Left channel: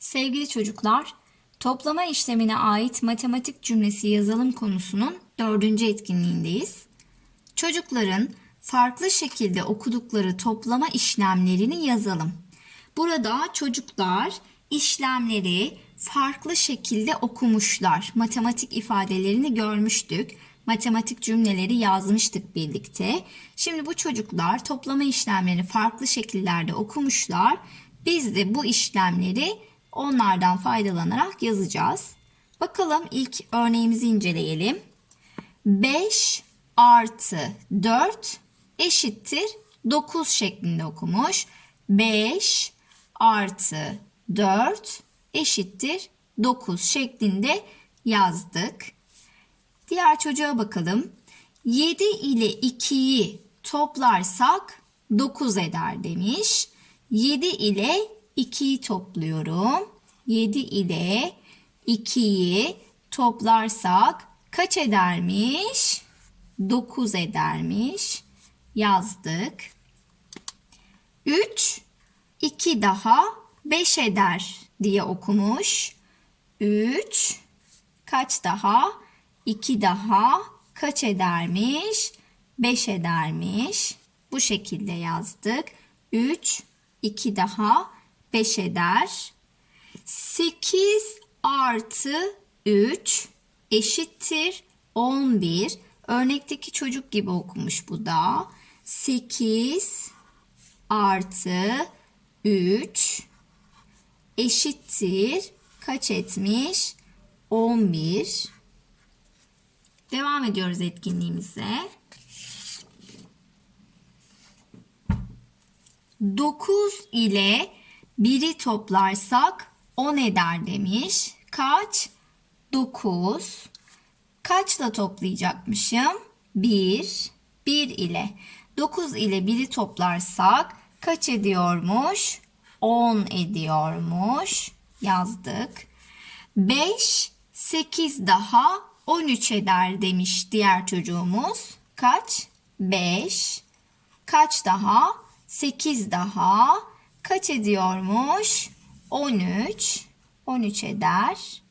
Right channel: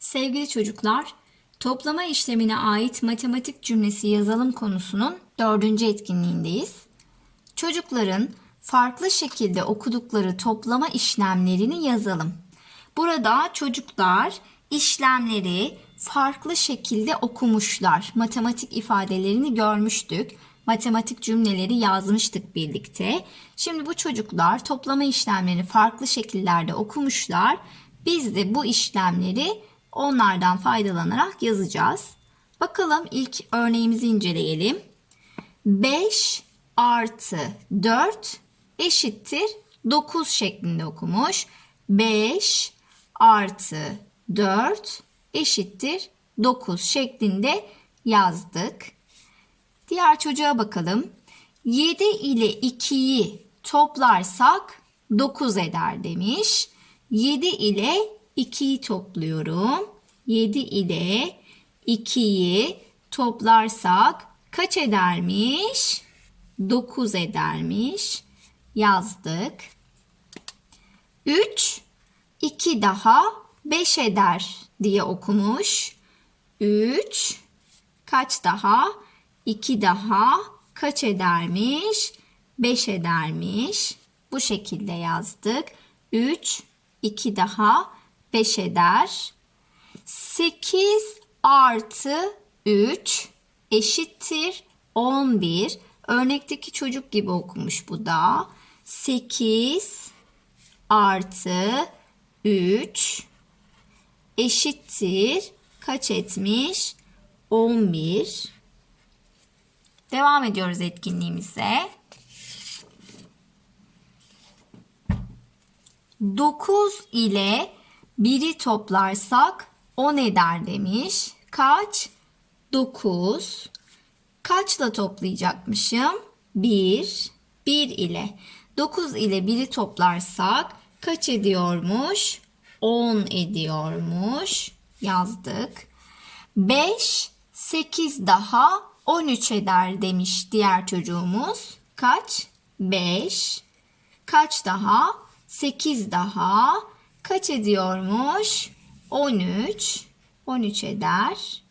Sevgili çocuklar, toplama işlemine ait matematik cümlesi yazalım konusunun dördüncü etkinliğindeyiz. Çocukların farklı şekilde okudukları toplama işlemlerini yazalım. Burada çocuklar işlemleri farklı şekilde okumuşlar. Matematik ifadelerini görmüştük. Matematik cümleleri yazmıştık birlikte. Şimdi bu çocuklar toplama işlemlerini farklı şekillerde okumuşlar. Biz de bu işlemleri onlardan faydalanarak yazacağız. Bakalım ilk örneğimizi inceleyelim. 5 artı 4 eşittir 9 şeklinde okumuş. 5 artı 4 eşittir 9 şeklinde yazdık. Diğer çocuğa bakalım. 7 ile 2'yi toplarsak 9 eder demiş. 7 ile 2'yi topluyorum. 7 ile 2'yi toplarsak kaç edermiş? 9 edermiş. Yazdık. 3 2 daha 5 eder diye okumuş. 3 kaç daha? 2 daha kaç edermiş? 5 edermiş. Bu şekilde yazdık. 3 2 daha 5 eder. 8 artı 3 eşittir 11. Örnekteki çocuk gibi okumuş bu da. 8 artı 3 eşittir kaç etmiş? 11. Devam ediyoruz etkinliğimize. 9 ile 1'i toplarsak 10 eder demiş. Kaç? 9. Kaçla toplayacakmışım? 1. 1 ile. 9 ile 1'i toplarsak kaç ediyormuş? 10 ediyormuş. Yazdık. 5, 8 daha 13 eder demiş diğer çocuğumuz. Kaç? 5. Kaç daha? 8 daha. Kaç ediyormuş? 13. 13 eder.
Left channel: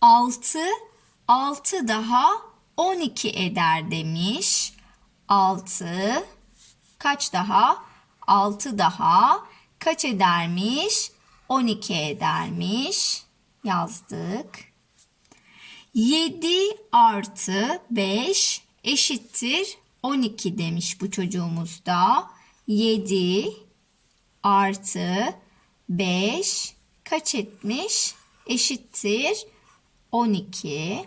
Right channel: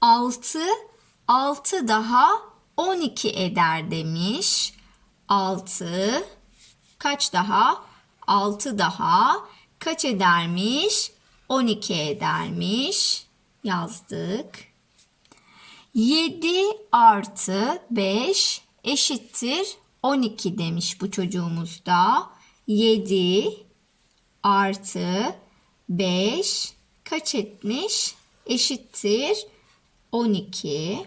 6. 6 daha 12 eder demiş. 6. Kaç daha? 6 daha. Kaç edermiş? 12 edermiş. Yazdık. 7 artı 5 eşittir 12 demiş bu çocuğumuz da. 7 artı 5 kaç etmiş? Eşittir 12.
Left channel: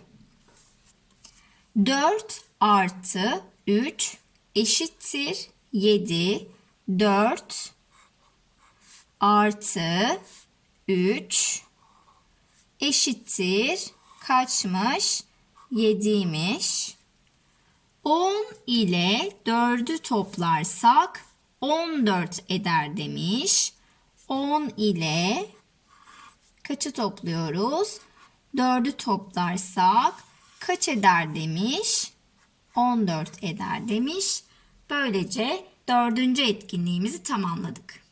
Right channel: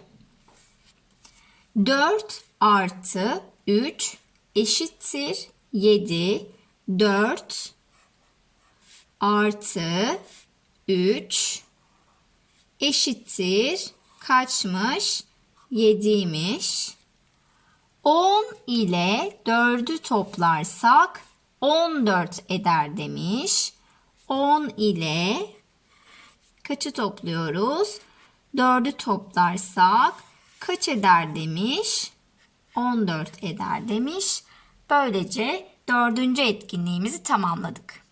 4 artı 3 eşittir 7. 4 artı 3 eşittir kaçmış? 7'ymiş. 10 ile 4'ü toplarsak 14 eder demiş. 10 ile kaçı topluyoruz? 4'ü toplarsak kaç eder demiş? 14 eder demiş. Böylece dördüncü etkinliğimizi tamamladık.